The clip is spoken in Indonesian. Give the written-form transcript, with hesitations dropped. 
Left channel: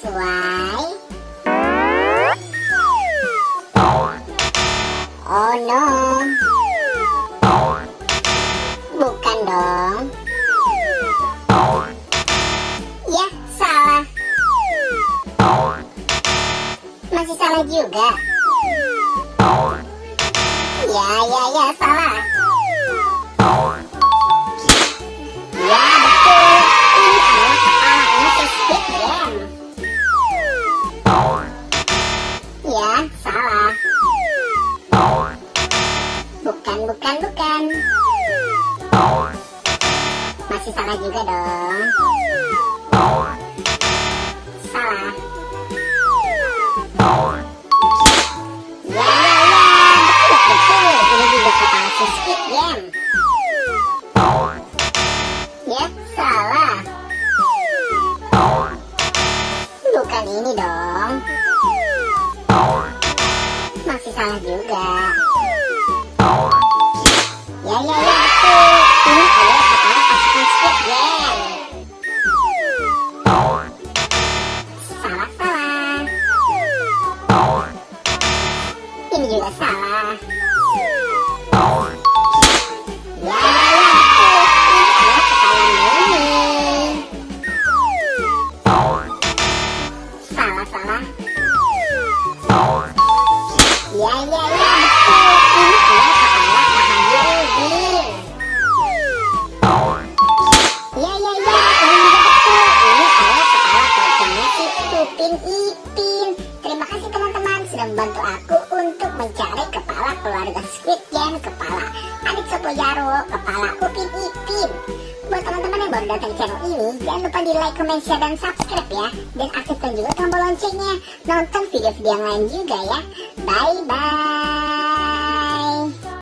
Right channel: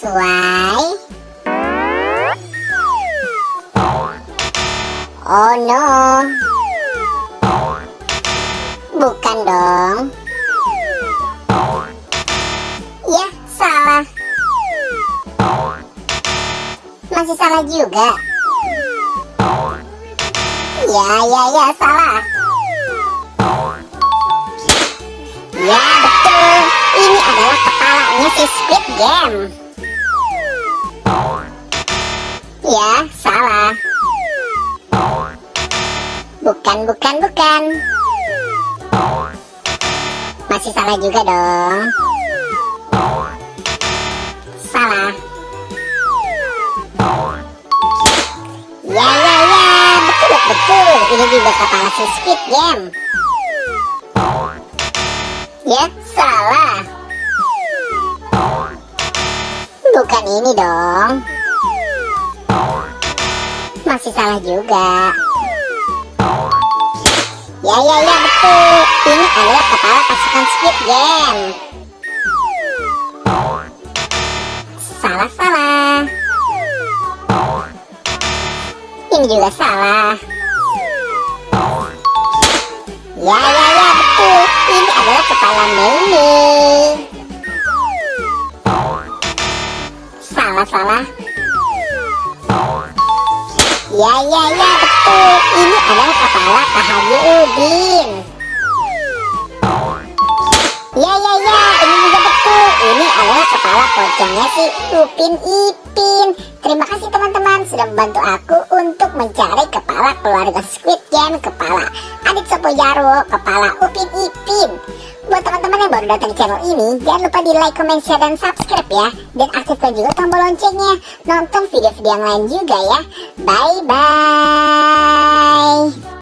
sesuai. Oh no, bukan dong. Ya, salah. Masih salah juga. Ya, salah. Ya, betul. Ini adalah kepalanya si Squid Game. Ya, salah. Bukan. Masih salah juga dong. Salah. Ya, betul. Ini juga kepala si Squid Game. Ya, salah. Bukan ini dong. Masih salah juga. Ya, betul. Ini adalah kepala pasukan Squid Game. Salah. Ini juga salah. Ya, betul. Ini adalah kepala Mei. Salah. Ya, betul. Ini adalah kepala Pak Haji Udin. Ya, ini juga betul. Ini adalah kepala pocongnya si Upin Ipin. Terima kasih teman-teman sudah membantu aku untuk mencari kepala keluarga Squid Game, kepala Adik Sopo Jarwo, kepala Upin Ipin. Buat teman-teman yang baru datang di channel ini, jangan lupa di like, comment, share, dan subscribe ya. Dan aktifkan juga tombol loncengnya. Nonton video-video yang lain juga ya. Bye-bye.